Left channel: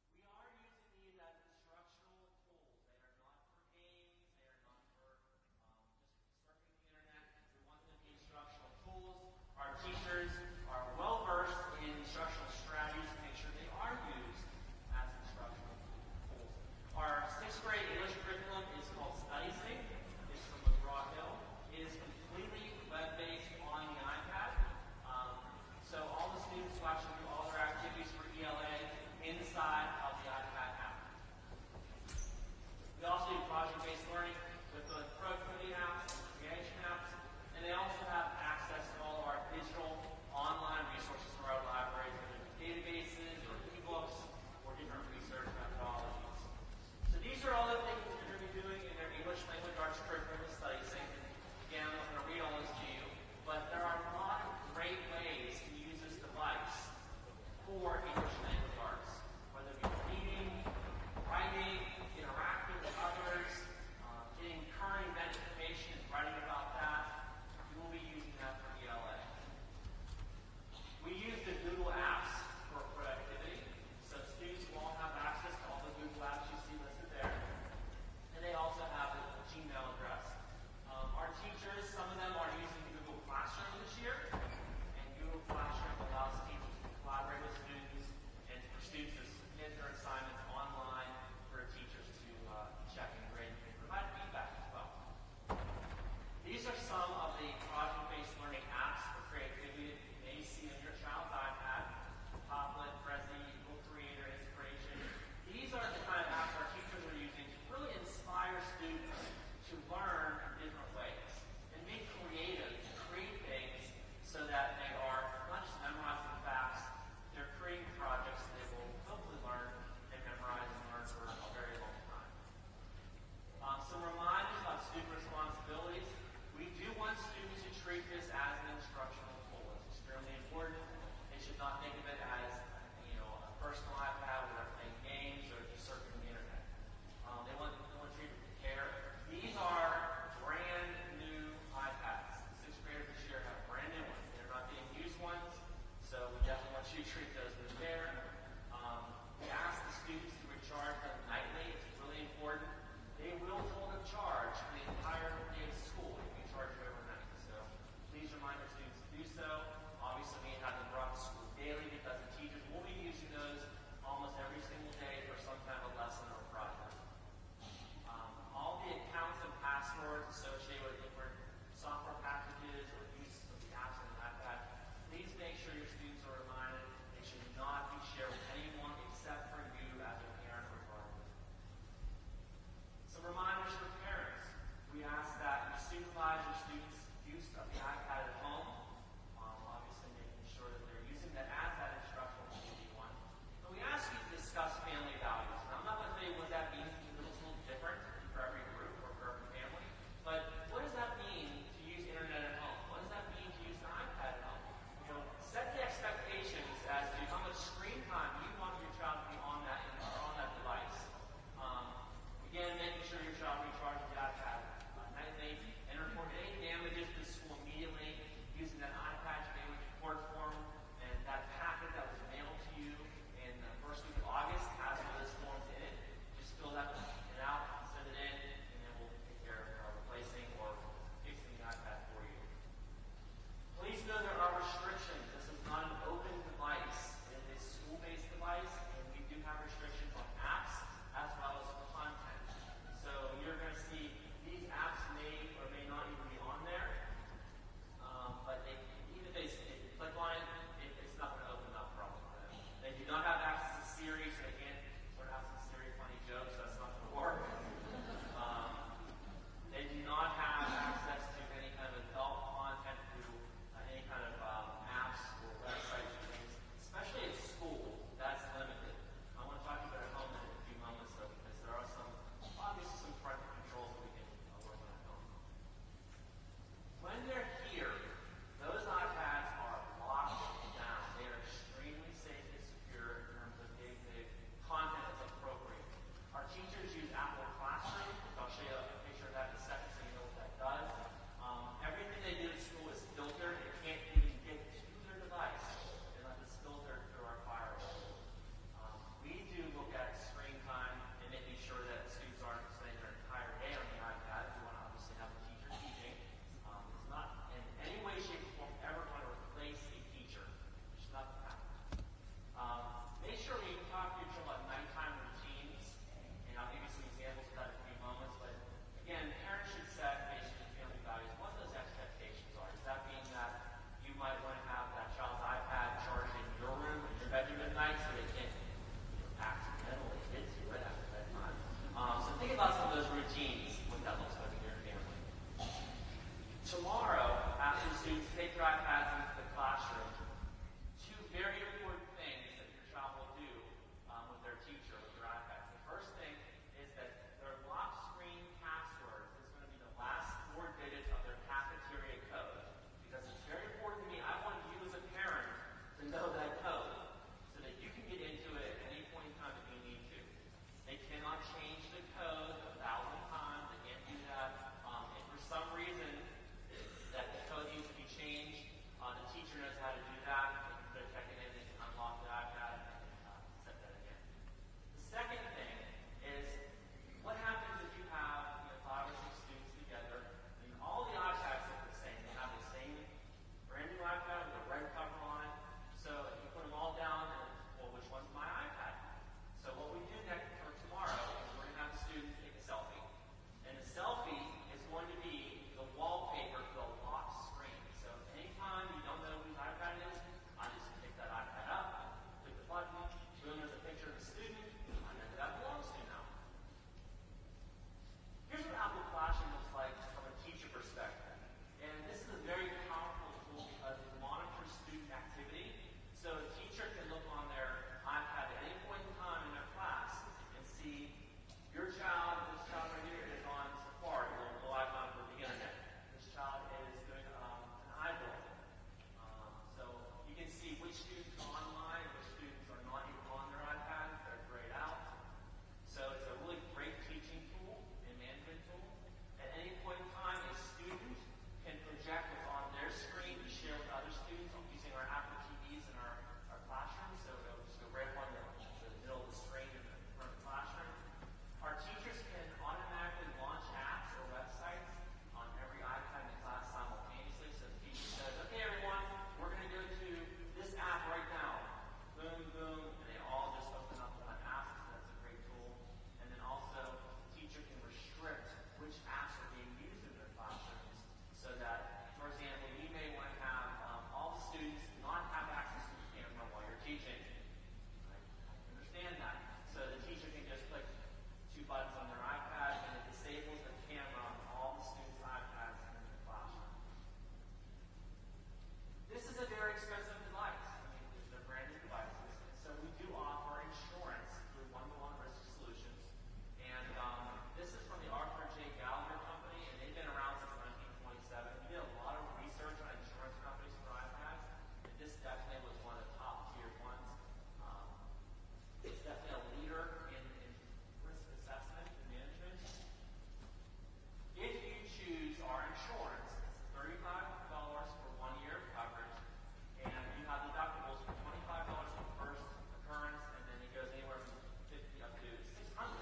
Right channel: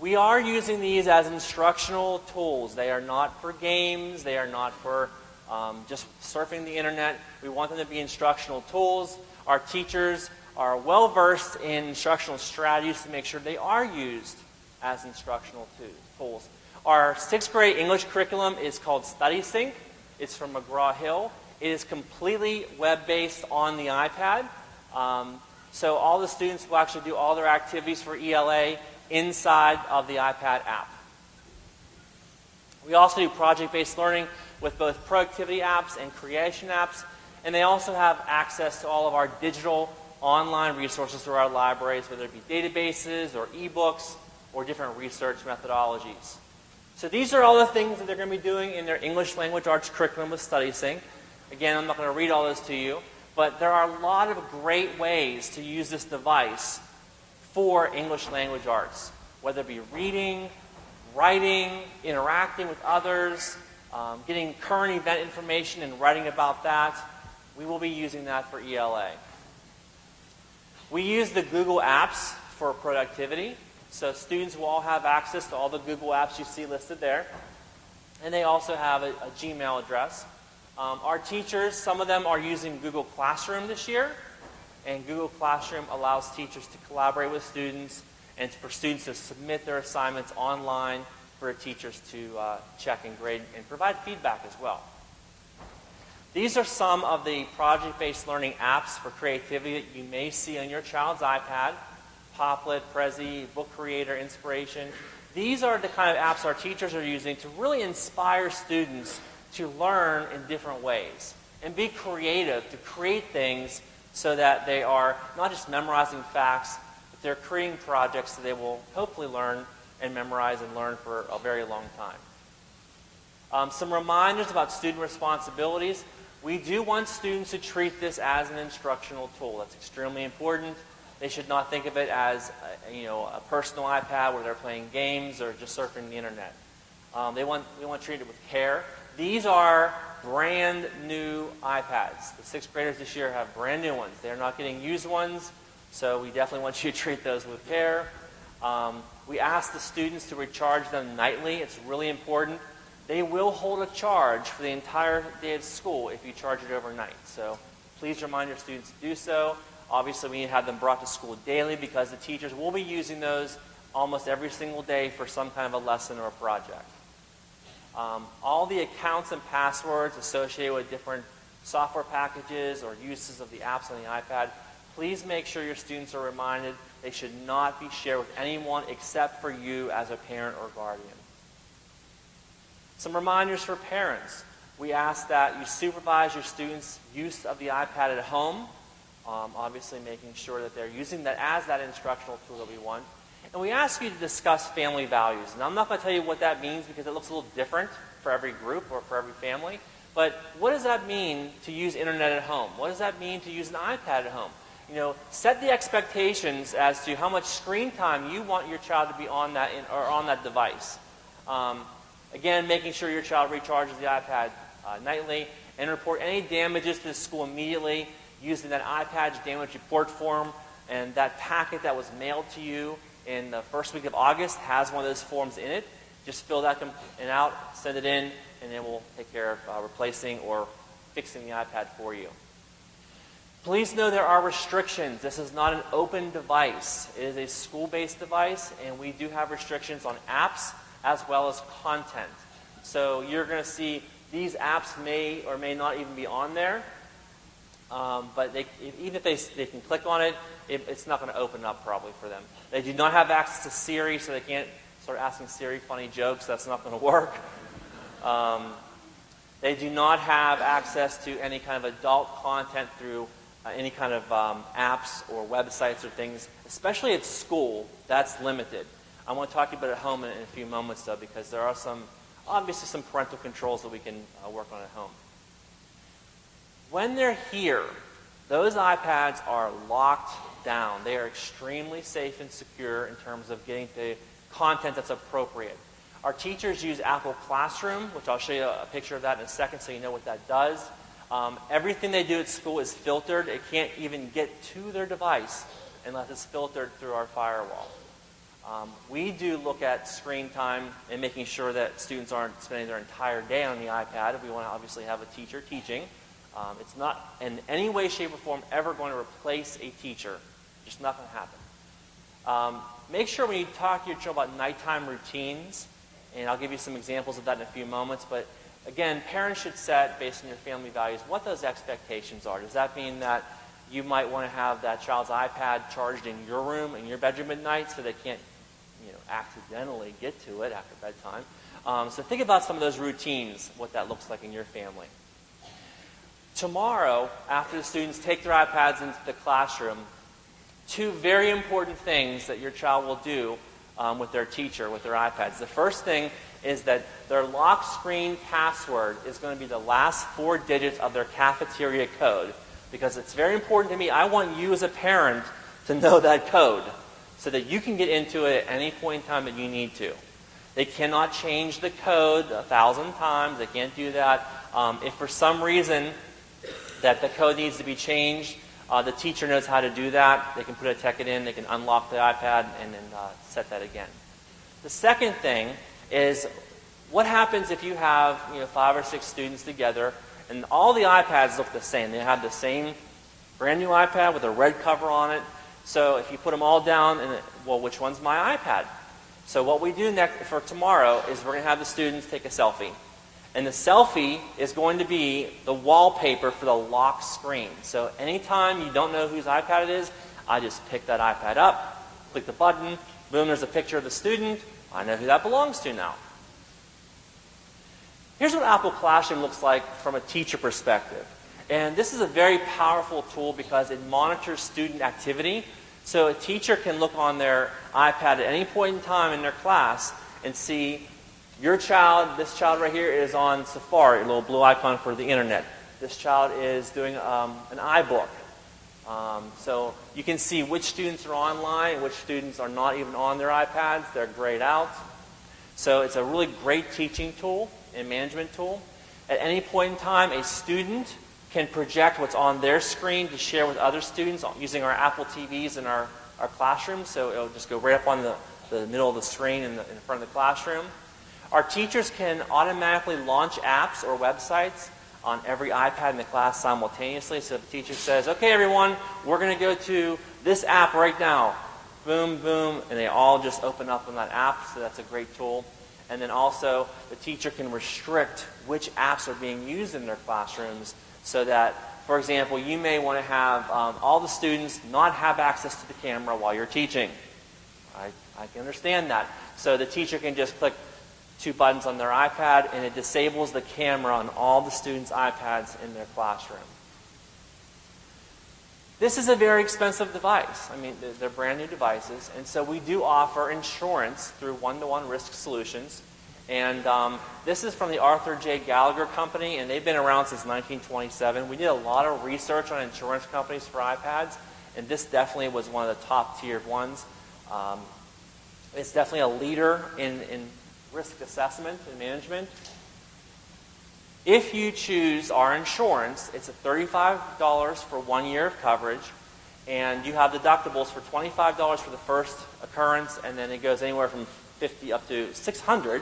We are using these as instructional tools. They are not for games. They are not for just surfing the internet. We want them to be instructional tools. Our teachers are well-versed in instructional strategies to make sure they are used as instructional tools. Our 6th grade English curriculum is called StudySync. It's from McGraw-Hill. It is completely web-based on the iPad. So all the students will actually do all their activities for ELA inside of the iPad app. We also do project-based learning with both productivity apps and creation apps, and they also have access to all of our digital online resources through our libraries, whether it be databases or ebooks or different research methodologies. So these are all the things that they're going to be doing in their English language arts curriculum with StudySync. Again, I'm not going to read all this to you, but there are a lot of great ways to use this device for English language arts, whether it be reading, writing, interacting with others, getting current event information and writing about that. We will be using that for ELA. We use the Google Apps for productivity. So students will all have access to all the Google Apps you see listed there. And they also have a Gmail address. Our teachers, some of them are using Google Classroom this year. And Google Classroom allows teachers to collaborate with students and for students to submit their assignments online for teachers to check and grade and provide feedback as well. These are some of the project-based learning apps for creativity that you may see on your child's iPad. Popplet, Prezi, Book Creator, Inspiration. These are the kind of apps our teachers are using to really inspire students to learn in different ways and be creative, to create things so that they are not just memorizing facts, but they're creating projects that they will hopefully learn and memorize and learn for a very long time. Some reminders about student responsibilities. We do want students to treat this as an instructional tool. That's extremely important. They should not think of it as a personal iPad where they're playing games or just surfing the internet. We want to treat it with care. These are brand new iPads. The 6th graders this year have brand new ones. They're not getting used ones, so we definitely want you to treat those with care. We ask the students to recharge them nightly. It's really important. They will hold a charge for the entire day of school if you charge it overnight. So please remind your students to do so. Obviously, we need to have them brought to school daily because the teachers will be using those almost every single day for some kind of a lesson or a project. All the accounts and passwords associated with different software packages or uses of the apps on the iPad, please make sure your students are reminded they should not be shared with anyone except for you as a parent or guardian. Some reminders for parents. We ask that you supervise your students' use of the iPad at home, obviously making sure that they're using that as that instructional tool that we want. And we ask you to discuss family values. Now, I'm not going to tell you what that means because it looks a little different for every group or for every family. But what does that mean to use internet at home? What does that mean to use an iPad at home? Set the expectations as to how much screen time you want your child to be on that device. Again, making sure your child recharges the iPad nightly and report any damages to the school immediately using that iPad's damage report form, and that packet that was mailed to you in the first week of August has one of those forms in it. Just fill that out, send it in, and then we'll take care of replacing or fixing the iPad for you. Please know there are restrictions. This is not an open device. It is a school-based device, and we do have restrictions on apps as well as content. So you're going to see these apps may or may not even be on there, but even if they can click on it, it's not going to open up probably for them. They do not have access to Siri, so they can't start asking Siri funny jokes. That's not going to work. They do not have access to any kind of adult content through any kind of apps or websites or things, especially at school. That's limited. I want to talk to you about it at home in a few moments, though, because there are obviously some parental controls that we can work on at home. When they're here, those iPads are locked down. They are extremely safe and secure in terms of getting the content that's appropriate. Our teachers use Apple Classroom, which I'll show you a picture of that in a second so you know what that does. Everything they do at school is filtered. It can't even get to their device unless it's filtered through our firewall. We do look at screen time and making sure that students aren't spending their entire day on the iPad. We want to obviously have a teacher teaching. It's not in any way, shape, or form ever going to replace a teacher. Just not going to happen. Make sure when you talk to your child about nighttime routines, and I'll give you some examples of that in a few moments, but again, parents should set, based on your family values, what those expectations are. Does that mean that you might want to have that child's iPad charged in your room, in your bedroom at night, so they can't accidentally get to it after bedtime? So think about some of those routines, what that looks like in your family. Tomorrow, after the students take their iPads into the classroom, two very important things that your child will do with their teacher, with their iPads. The first thing is that their lock screen password is going to be the last 4 digits of their cafeteria code, because it's very important to me. I want you as a parent to know that code so that you can get into it at any point in time that you need to. They cannot change the code 1,000 times. They can't do that. If for some reason that the code needs to be changed, the teacher knows how to do that. They can put a ticket in, they can unlock the iPad, and then set that again. The second thing is, what happens if you have 5 or 6 students together, and all the iPads look the same? They have the same brand new iPad with a red cover on it. So if you put them all down, well, which one's my iPad? So what we do next for tomorrow is we're going to have the students take a selfie. And the selfie is going to be the wallpaper for the lock screen. So anytime you don't know whose iPad it is, I just pick that iPad up, click the button, boom, there's a picture of the student. I know who that belongs to now. Here's what Apple Classroom looks like from a teacher perspective. And this is a very powerful tool because it monitors student activity. So a teacher can look on their iPad at any point in time in their class and see your child, this child right here is on Safari, a little blue icon for the internet. This child is doing an iBook. So you can see which students are online, which students are not even on their iPads. They're grayed out. So it's a really great teaching tool and management tool. At any point in time, a student can project what's on their screen to share with other students using our Apple TVs in our classroom. So it'll just go right up on the middle of the screen in front of the classroom. Our teachers can automatically launch apps or websites on every iPad in the class simultaneously. So the teacher says, okay, everyone, we're going to go to this app right now. Boom, boom, and they all just open up on that app. So that's a great tool. And then also, the teacher can restrict which apps are being used in their classrooms so that, for example, you may want to have all the students not have access to the camera while you're teaching. I can understand that. So the teacher can just click 2 buttons on their iPad, and it disables the camera on all the students' iPads in their classroom. This is a very expensive device. I mean, they're brand new devices, and so we do offer insurance through One-to-One Risk Solutions. And this is from the Arthur J. Gallagher Company, and they've been around since 1927. We did a lot of research on insurance companies for iPads, and this definitely was one of the top-tiered ones. It's definitely a leader in risk assessment and management. If you choose our insurance, it's $35 for 1 year of coverage, and you have deductibles for $25 for the first occurrence, and then it goes anywhere from $50 up to $600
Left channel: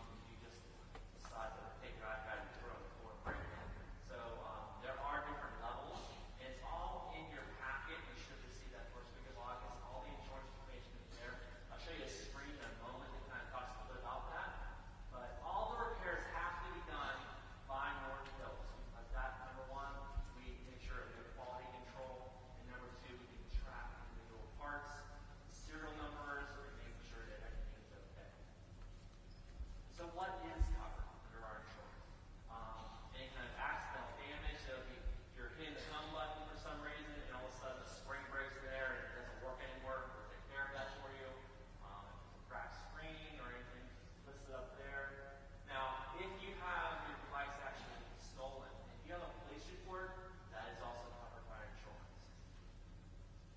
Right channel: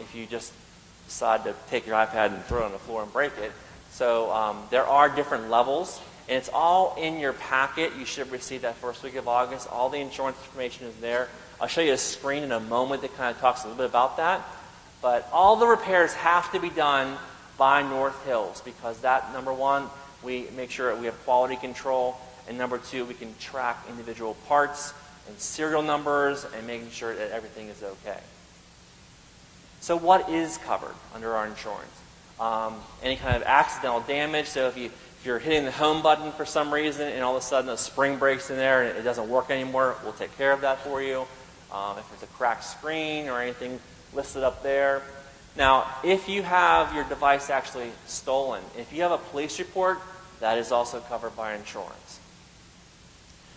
if you just decide to take your iPad and throw it on the floor and break it. So there are different levels, and it's all in your packet. You should receive that first week of August. All the insurance information is there. I'll show you a screen in a moment that kind of talks a little bit about that. But all the repairs have to be done by North Hills because that, number one, we make sure we have quality control, and number two, we can track individual parts and serial numbers and making sure that everything is okay. So what is covered under our insurance? Any kind of accidental damage. So if you're hitting the home button for some reason and all of a sudden a spring breaks in there and it doesn't work anymore, we'll take care of that for you. If it's a cracked screen or anything listed up there. Now, if you have your device actually stolen, if you have a police report, that is also covered by insurance.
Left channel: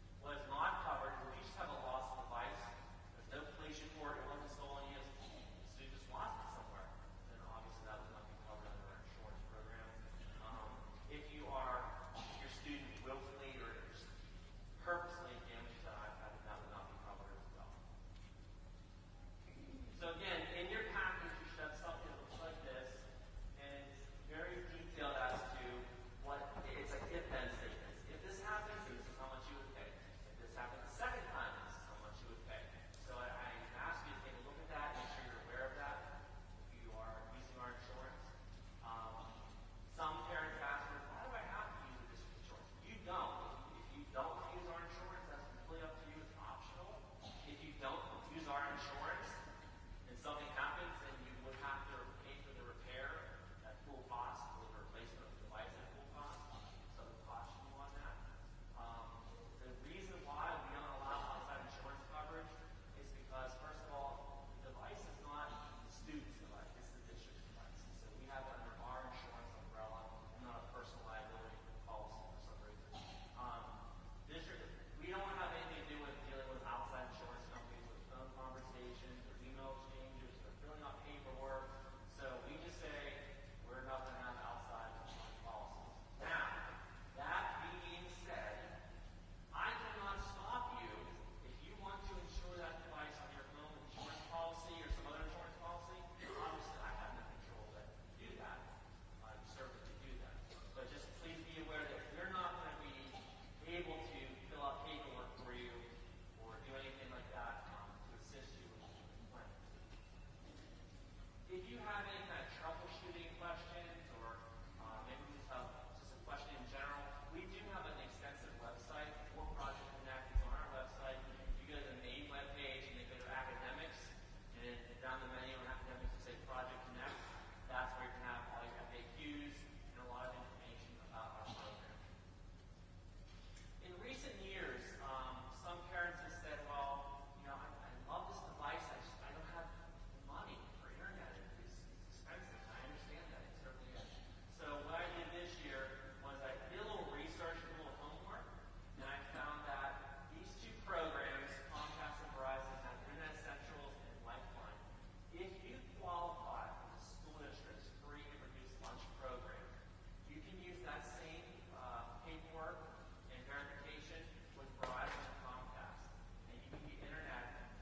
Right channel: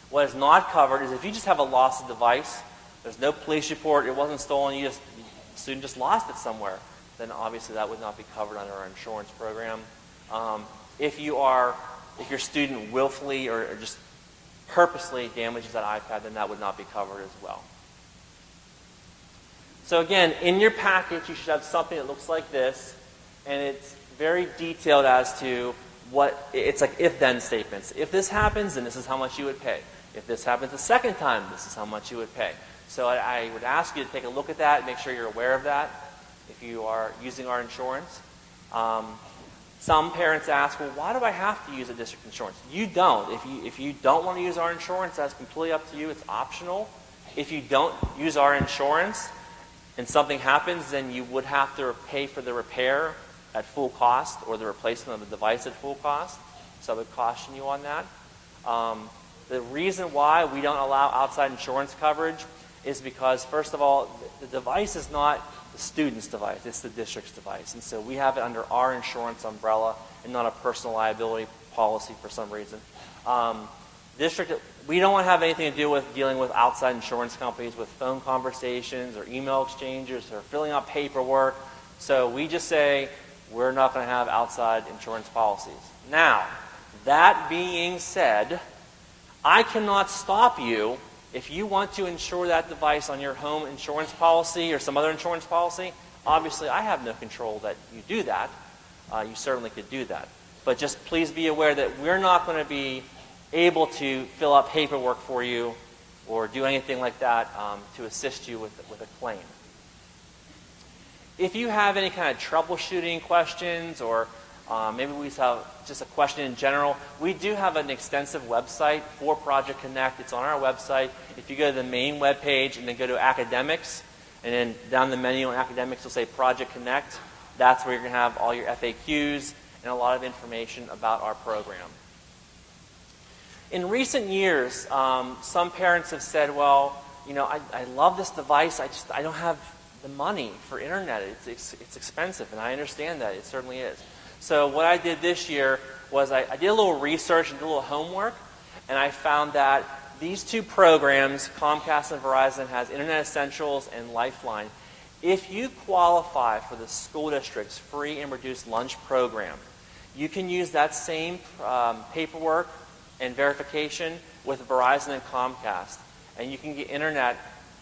What is not covered is if you just have a lost device, there's no police report, it wasn't stolen, the student just lost it somewhere, then obviously that would not be covered under our insurance program. If your student willfully or just purposely damages that iPad, then that would not be covered as well. So again, in your package, you should have something that looks like this, and it's very detailed as to what, it's like if-then statements. If this happens, then this is how much you would pay. If this happens a second time, this is how much you would pay. So I would ask you to take a look at that, make sure you're aware of that if you are using our insurance. Some parents ask, well, why do I have to use a district insurance? You don't. If you don't want to use our insurance, that's completely up to you. It's optional. If you don't use our insurance and something happens, then you would have to pay for the repair at full cost or the replacement of the device at full cost. So I would caution you on that. The reason why we don't allow outside insurance coverage is because, first of all, the device is not the student's device, it's the district's device. And so we have it under our insurance umbrella and not a personal liability policy for some reason. District, we don't want to have anything to do with dealing with outside insurance companies with phone conversations or email exchanges or filling out paperwork. So we just say we're not going to have outside insurance policies. Now, that being said, I cannot stop you if you want to insure that device on your home insurance policy or some other insurance policy. Obviously, I have no control that you do that. You certainly could do that. But just please be aware that we're not going to be able to fill out paperwork for you or do anything like that to assist you with a claim. If you have any kind of troubleshooting questions or maybe we have just a question in general, we do have an extensive website for Project Connect. It's on our website. If you go to the main web page and then go to Academics, and then down the menu on Academics, you'll say Project Connect. That's where you're going to have all your FAQs and a lot of information about our program. In recent years, some parents have said, well, you know, I love this device. I don't have the money for internet. It's expensive, and I understand that. It certainly is. So what I did this year was I did a little research and did a little homework, and I found that these two programs, Comcast and Verizon, has Internet Essentials and Lifeline. If you qualify for the school district's free and reduced lunch program, you can use that same paperwork and verification with Verizon and Comcast, and you can get internet,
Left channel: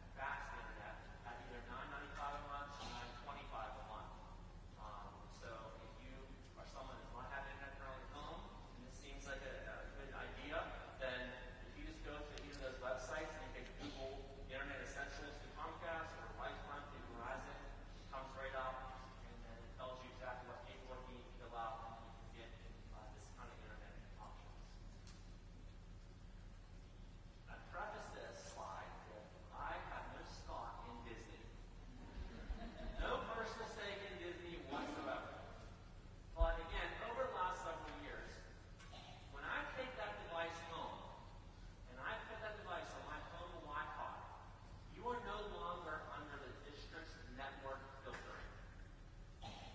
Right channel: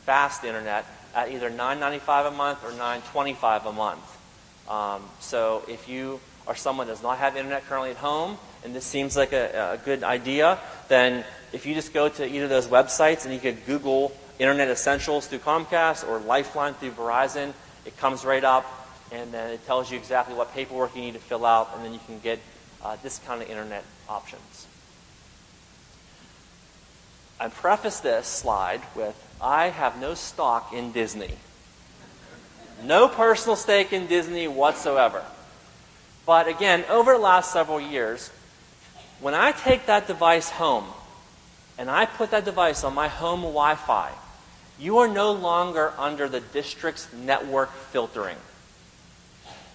fast internet, at either $9.95 a month or $9.25 a month. So if you are someone that does not have internet currently at home, and this seems like a good idea, then if you just go to either of those websites and you could Google Internet Essentials through Comcast or Lifeline through Verizon, it comes right up, and then it tells you exactly what paperwork you need to fill out, and then you can get discounted internet options. I preface this slide with, I have no stock in Disney. No personal stake in Disney whatsoever. But again, over the last several years, when I take that device home and I put that device on my home Wi-Fi, you are no longer under the district's network filtering.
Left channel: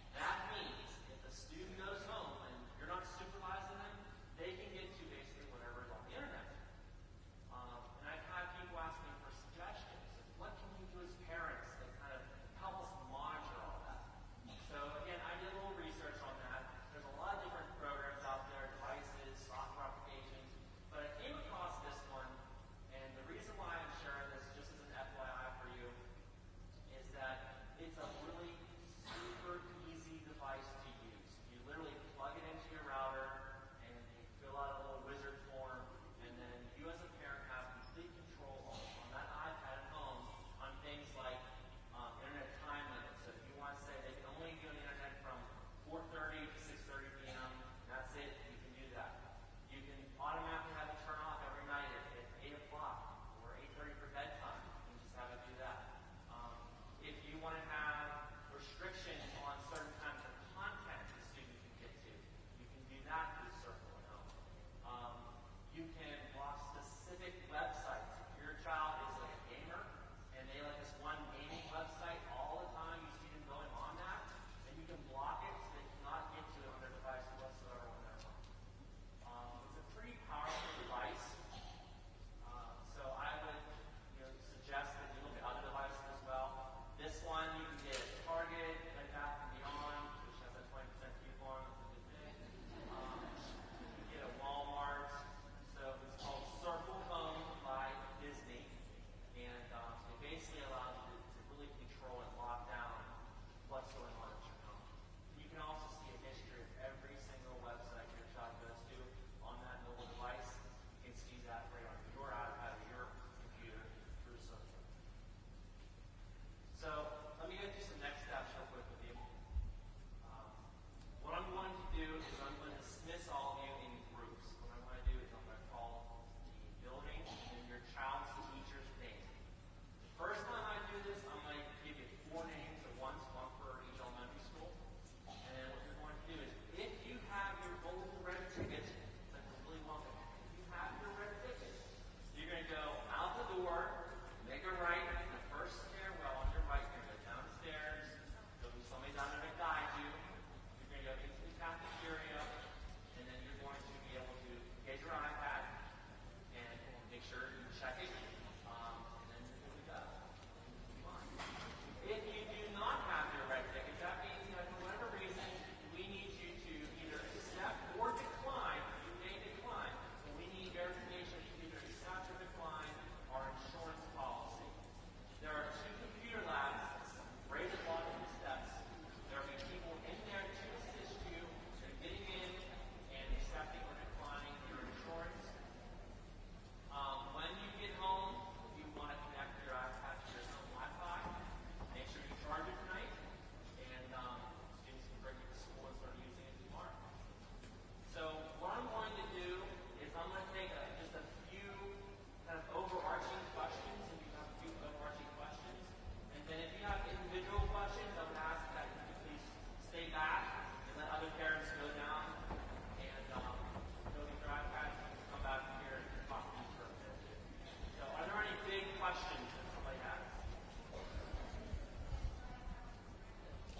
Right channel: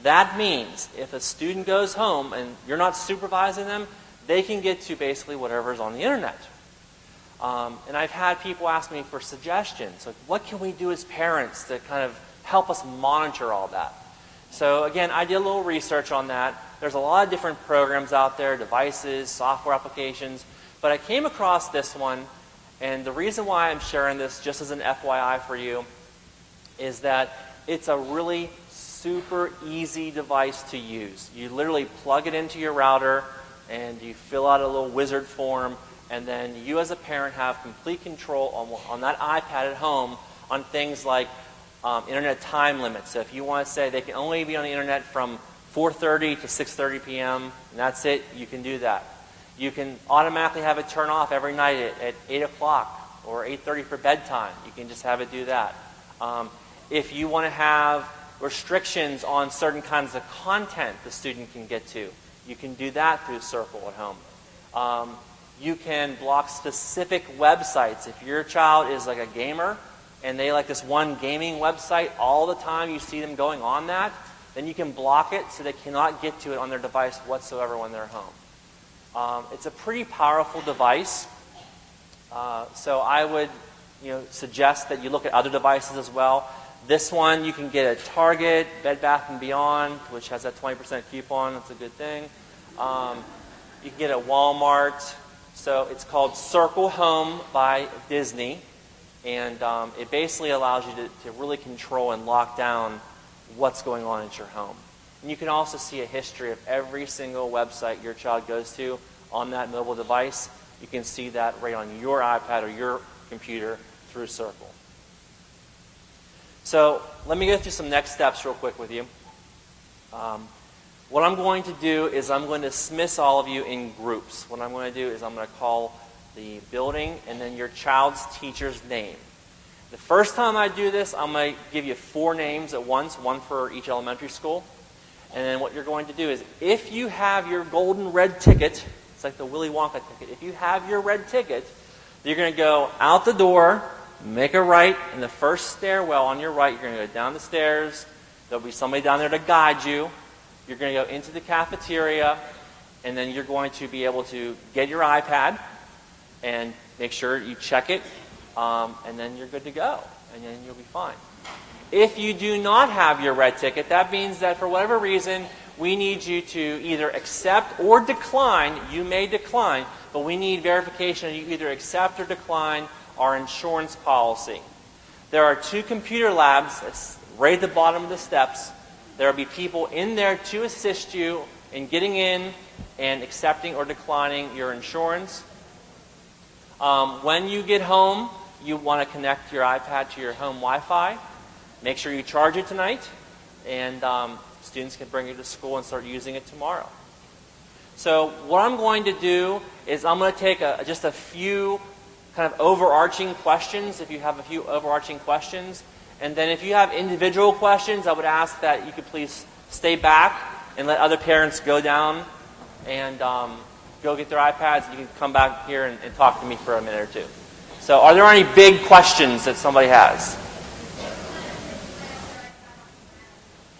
That means if a student goes home and you're not supervising them, they can get to basically whatever's on the internet. And I've had people ask me for suggestions. Like, what can we do as parents to kind of help us monitor all that? So again, I did a little research on that. There's a lot of different programs out there, devices, software applications. But I came across this one, and the reason why I'm sharing this, just as an FYI for you, is that it's a really super easy device to use. You literally plug it into your router, and you fill out a little wizard form, and then you as a parent have complete control on that iPad at home on things like internet time limits. So if you want to say they can only be on the internet from 4:30 to 6:30 p.m., and that's it, you can do that. You can automatically have it turn off every night at 8 o'clock or 8:30 for bedtime. You can just have it do that. If you want to have restrictions on certain kinds of content the student can get to, you can do that through Circle at home. You can block specific websites. If your child is like a gamer and they like this one gaming website all the time, you see them going on that, then you can block it so they cannot get to it on their device whatsoever when they're home. It's a pretty powerful device. So I would suggest that you look at other devices as well. This one you can get at Target, Bed Bath & Beyond, which has that 20% coupon. That's a good thing. You can get it at Walmart. So it's called Circle Home by Disney. And it basically allows you to really control and lock down what's going on at your home. And you can also see a history of every single website your child goes to on that mobile device. You can see that right on your iPad or your computer through Circle. So let me go through some next steps real quick with you. What I'm going to do is I'm going to dismiss all of you in groups. What I'm going to do is I'm going to call the building and then your child's teacher's name. The first time I do this, I'm going to give you 4 names at once, one for each elementary school. And then what you're going to do is, if you have your golden red ticket, it's like the Willy Wonka ticket, if you have your red ticket, you're going to go out the door, make a right, in the first stairwell on your right, you're going to go down the stairs. There'll be somebody down there to guide you. You're going to go into the cafeteria, and then you're going to be able to get your iPad and make sure you check it, and then you're good to go, and then you'll be fine. If you do not have your red ticket, that means that for whatever reason, we need you to either accept or decline. You may decline, but we need verification that you either accept or decline our insurance policy. There are 2 computer labs that's right at the bottom of the steps. There will be people in there to assist you in getting in and accepting or declining your insurance. When you get home, you want to connect your iPad to your home Wi-Fi. Make sure you charge it tonight, and students can bring it to school and start using it tomorrow. So what I'm going to do is I'm going to take just a few kind of overarching questions, if you have a few overarching questions. And then if you have individual questions, I would ask that you could please stay back and let other parents go down and go get their iPads. You can come back here and talk to me for a minute or two. So are there any big questions that somebody has?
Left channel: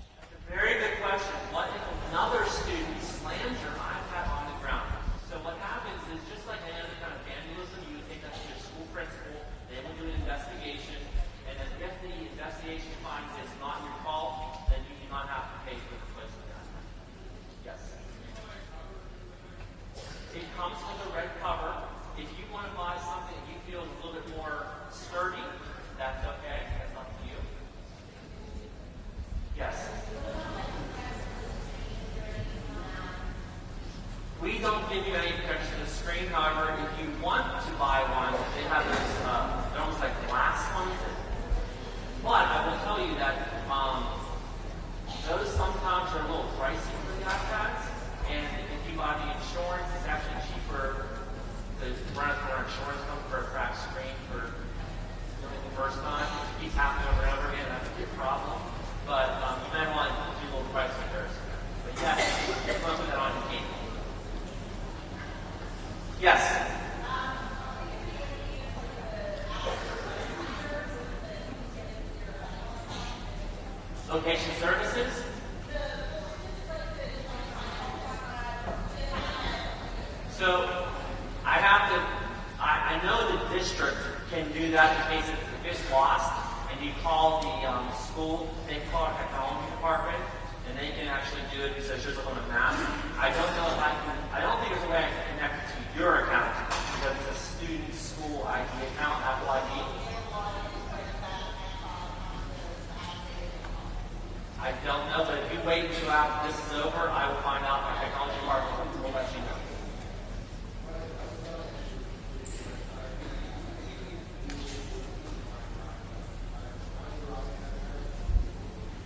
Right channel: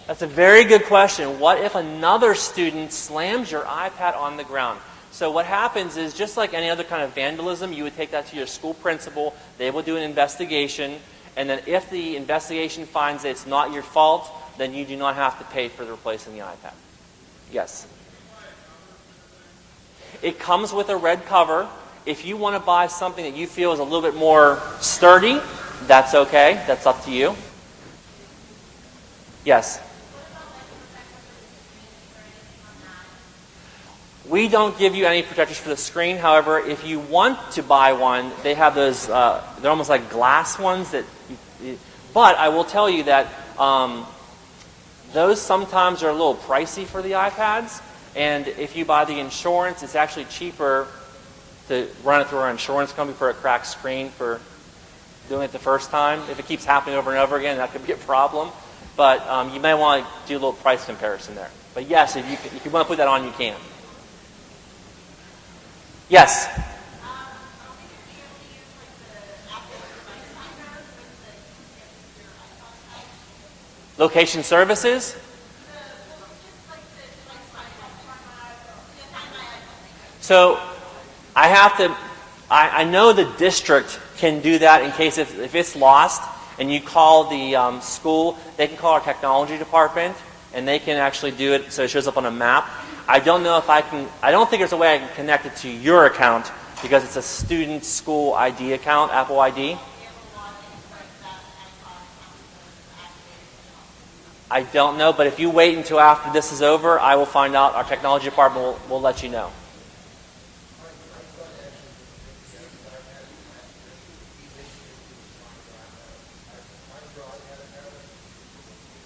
That's a very good question. What if another student slams your iPad on the ground? So what happens is, just like any other kind of vandalism, you would take that to your school principal. They will do an investigation. And then if the investigation finds that it's not your fault, then you do not have to pay for replacing the iPad. Yes? It comes with a red cover. If you want to buy something that you feel is a little bit more sturdy, that's okay. That's up to you. Yes? We don't give you any protectors for the screen. However, if you want to buy one, they have those, they're almost like glass ones that, but I will tell you that those sometimes are a little pricey for the iPads. And if you buy the insurance, it's actually cheaper to run it through our insurance company for a cracked screen for doing it the first time. If it keeps happening over and over again, that could be a problem. But you may want to do a little price comparison there. But yes, if you want to put that on, you can. Yes? Location services? So I know the district can do that in case if it's lost and you call the school, they can call our technology department and they can actually do it so it shows up on a map. I don't know if I don't think there's a way I can connect it to your account because it's a student school ID account, Apple ID. I don't know, but if you wait until after this is over, I will find out. Our technology department will let you know.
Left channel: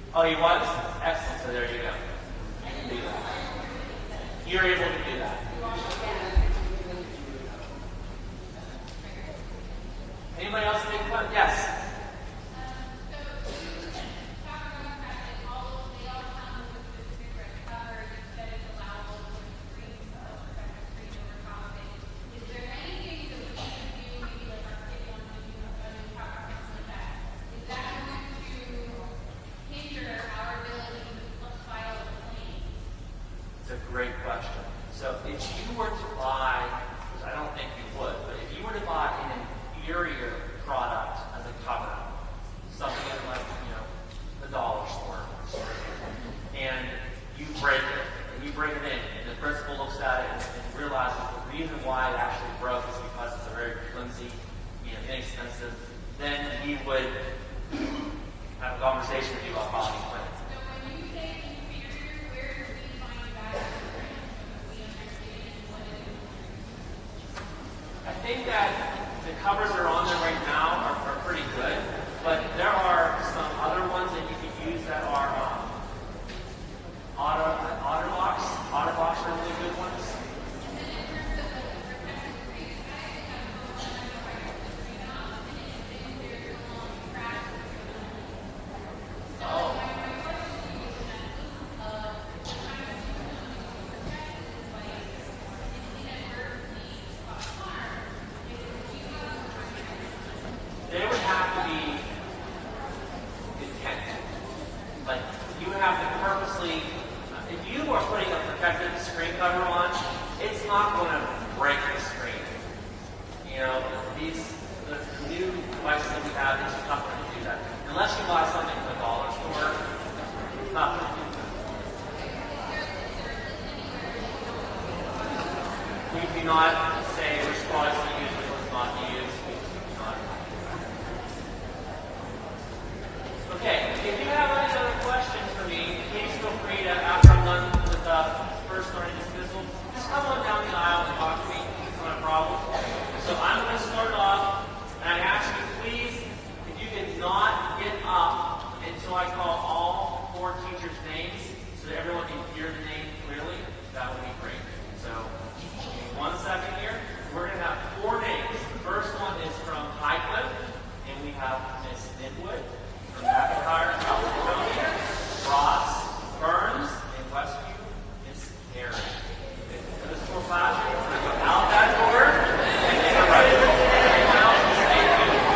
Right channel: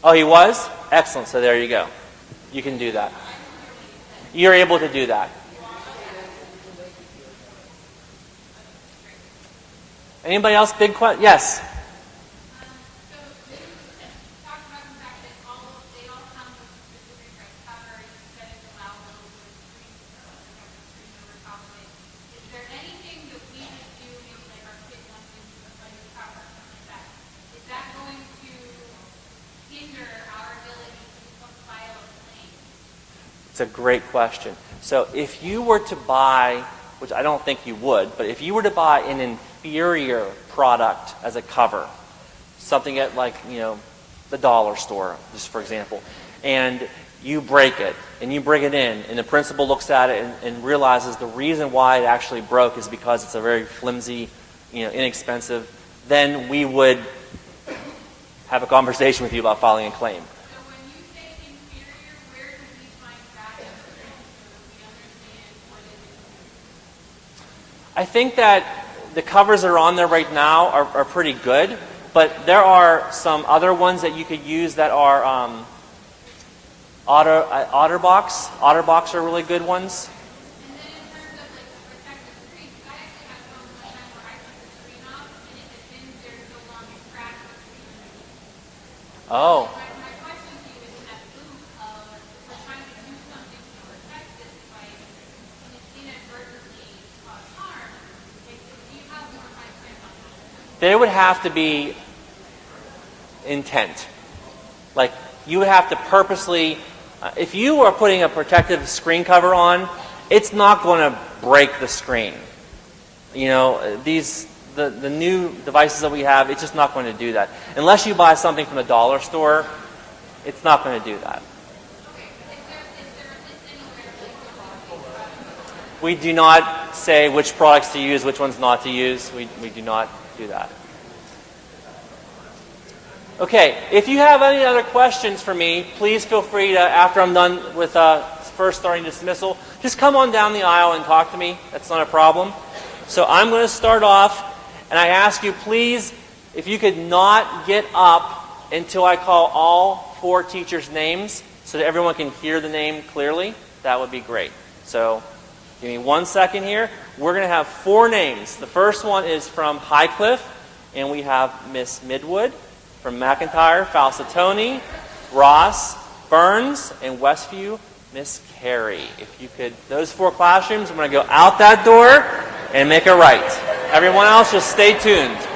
Oh, he was? Excellent. So there you go. You can do that. You're able to do that. Anybody else? Big question? Yes. It's a great question. So if you were to buy, which I don't think you would, but if you were to buy an inferior product as a cover, something at like, the dollar store, just for example, and you break it, and you bring it in, and the principal looks at it and realizes the reason why it actually broke is because it's a very flimsy, inexpensive then we would have a conversation with you about filing a claim. I think that the covers that are on there right now are pretty good, but there are some other ones that you could use that are OtterBox. OtterBox are really good ones. Oh. There would have to be intent. Like, you would have to purposely, if you are putting a protective screen cover on, it's not going to break the screen. You know, the new devices that we have, it's just not going to do that. Unless you buy something from the dollar store, it's not going to do that. We do not say which products to use, which ones not to use. We do not do that. Okay, if you have any other questions for me, please feel free to, after I'm done with first starting dismissal, just come on down the aisle and talk to me. That's not a problem. So I'm going to start off, and I ask you, please, if you could not get up until I call all 4 teachers' names so that everyone can hear the name clearly, that would be great. So give me 1 second here. We're going to have 4 names. The first one is from Highcliffe, and we have Miss Midwood. From McIntyre, Falsatoni, Ross, Burns, and Westview, Miss Carey. If you could, those 4 classrooms, I'm going to go out that door and make a right. Everyone else, just stay tuned.